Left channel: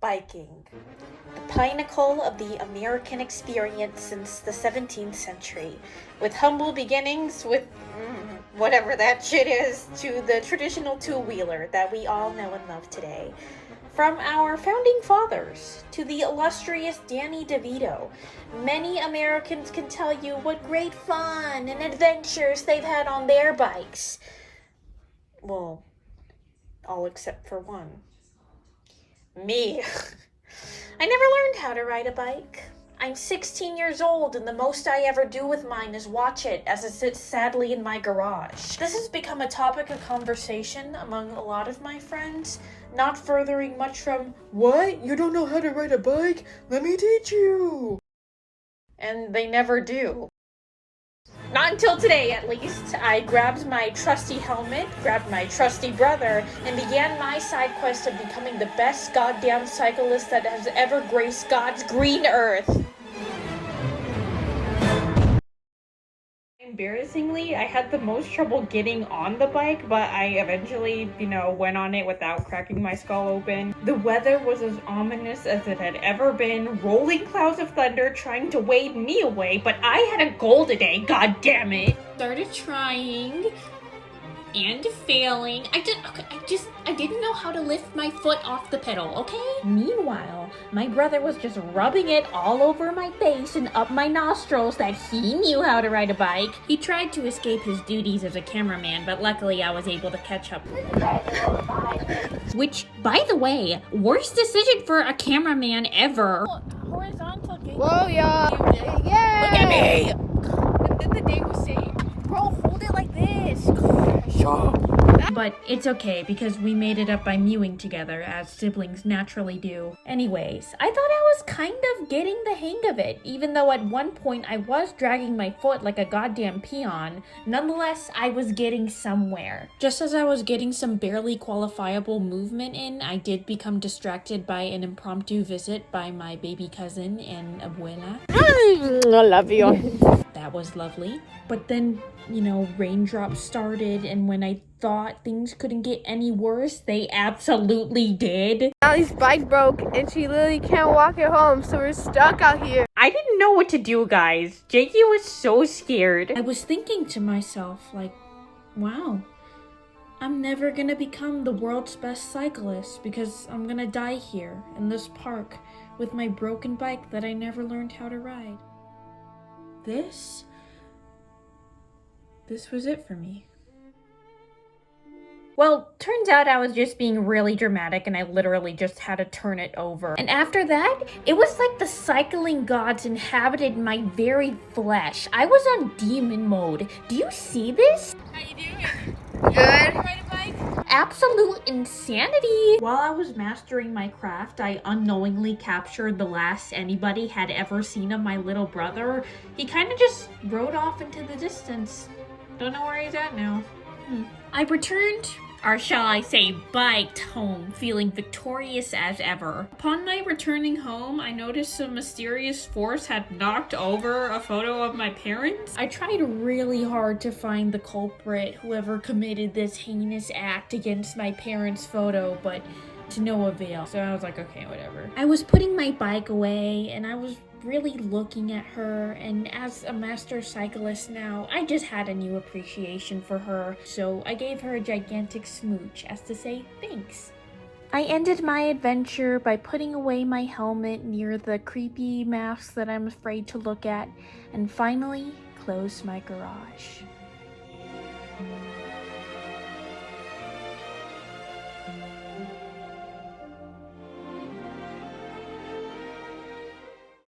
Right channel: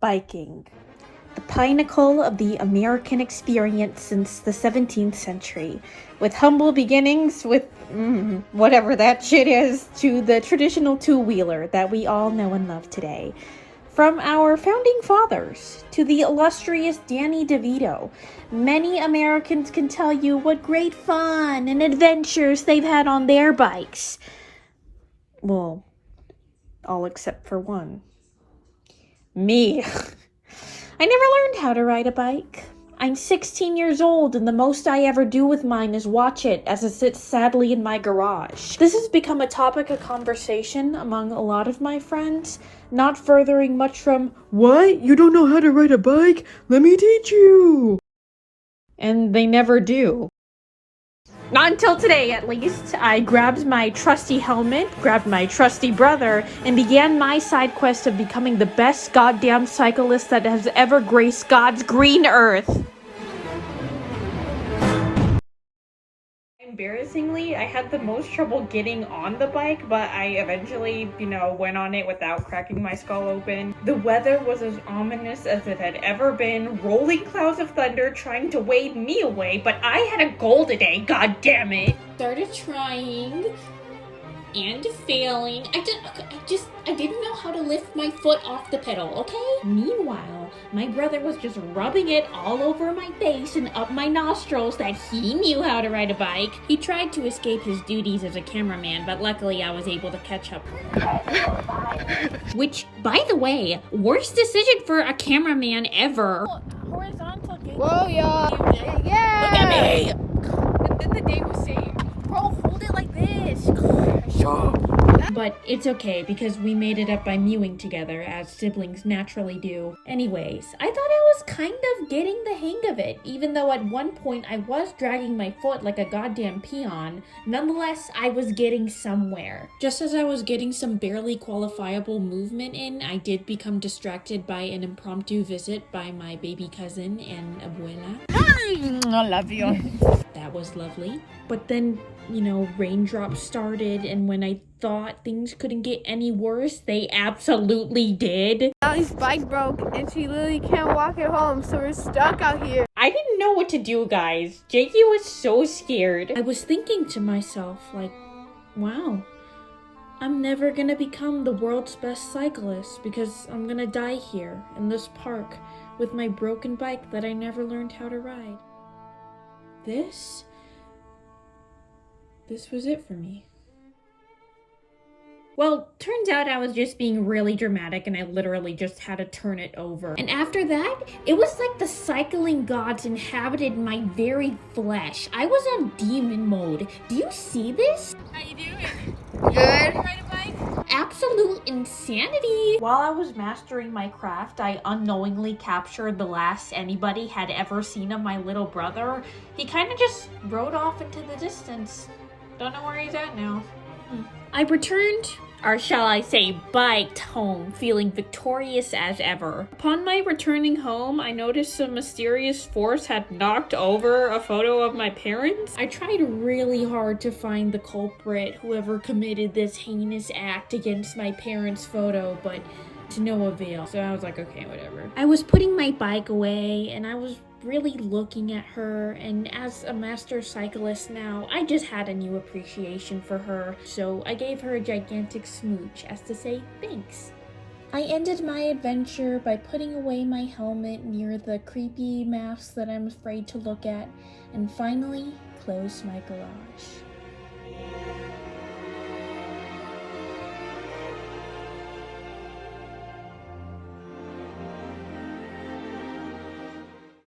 Biking, the pinnacle of the American experience since the 17th century, with humble beginnings with whatever that shit is, to the traditional two-wheeler that we all know and love today. From our founding fathers to the illustrious Danny DeVito, many Americans can tell you what great fun and adventures they've had on their bikes. Well, all except for one. Me. I never learned how to ride a bike. I'm 16 years old and the most I ever do with mine is watch it as it sits sadly in my garage. This has become a topic of conversation among a lot of my friends, not furthering much from, "What? You don't know how to ride a bike? Let me teach you." And they never do. Not until today, at least. I grabbed my trusty helmet, grabbed my trusty brother, and began my side quest of becoming the best goddamn cyclist that has ever graced God's green earth. Embarrassingly, I had the most trouble getting on the bike, but I eventually, went on it without cracking my skull open. The weather was as ominous as it had ever been, rolling clouds of thunder trying to wave me away, but I had a goal today, god damn it. Started trying and failing. I didn't know how to lift my foot off the pedal, okay? Meanwhile, my brother was just rubbing it all over my face and up my nostrils that he knew how to ride a bike. He tried to escape his duties as a cameraman, but luckily I was able to catch up. Which, by the way, worst decision for a cameraman ever. Horizontal. Whoa, yeah. Look at me! And then the day was saved. Bro, hold it like this. But it's okay because we made it up by mewing together, as siblings naturally do. Anyways, I thought I was kind of getting the hang of it, even though at one point I was dragging my foot like a goddamn peon. Nonetheless, I was getting somewhere. Just as I was getting some barely qualifiable movement in, I did become distracted by an impromptu visit by my baby cousin and abuela. I love you. That was lovely. But then, raindrops started, and when I thought things couldn't get any worse, they absolutely did. Allie's bike broke and she literally can't walk it home, so we're stuck out here. I didn't know what to do, guys. Jakey was so scared. I was thinking to myself, wow, I'm never gonna become the world's best cyclist because I'm gonna die here in this park with my broken bike that I never learned how to ride. This was it for me. Well, turns out I was just being really dramatic and I literally just had to turn it over. And after that, it was like the cycling gods inhabited my very flesh. I was on demon mode. Do you see this? How you doing? Good. Ride a bike? Absolute insanity. While I was mastering my craft, I unknowingly captured the last anybody had ever seen of my little brother. He kind of just rode off into the distance. Don't know where he's at now. I returned, or shall I say biked home, feeling victorious as ever. Upon my returning home, I noticed some mysterious force had knocked over a photo of my parents. I tried really hard to find the culprit, whoever committed this heinous act against my parents' photo, but to no avail. So I was like, okay, whatever. I was putting my bike away and I was really looking at her, and as a master cyclist now, I just had a new appreciation for her, so I gave her a gigantic smooch as to say thanks. I ended my adventure by putting away my helmet near the creepy mask that I'm afraid to look at, and finally closed my garage.